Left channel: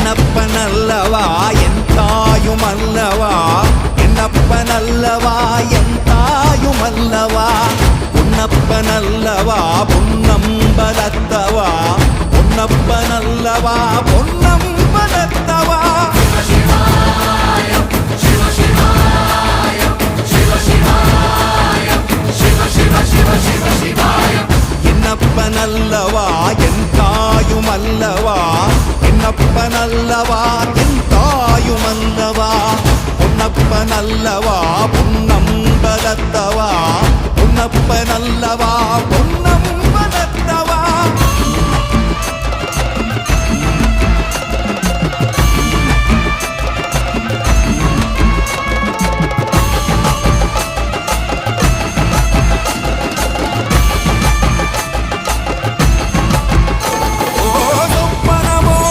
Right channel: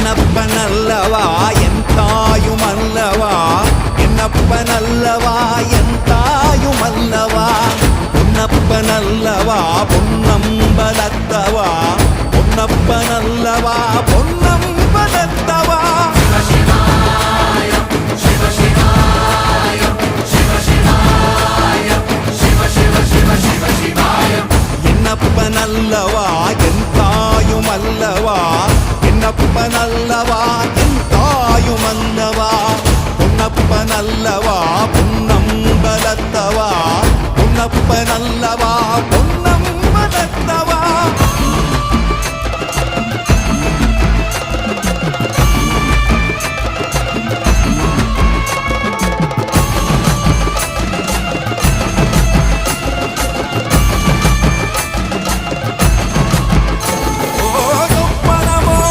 என்னப்பனல்லவா என் தாயுமல்லவா என்னப்பனல்லவா என் தாயுமல்லவா பொன்னப்பனல்லவா பொன்னம்பலத்தவா பொன்னப்பனல்லவா பொன்னம்பலத்தவா என்னப்பனல்லவா என் தாயுமல்லவா என்னப்பனல்லவா என் தாயுமல்லவா பொன்னப்பனல்லவா பொன்னம்பலத்தவா பொன்னப்பனல்லவா பொன்னம்பலத்தவா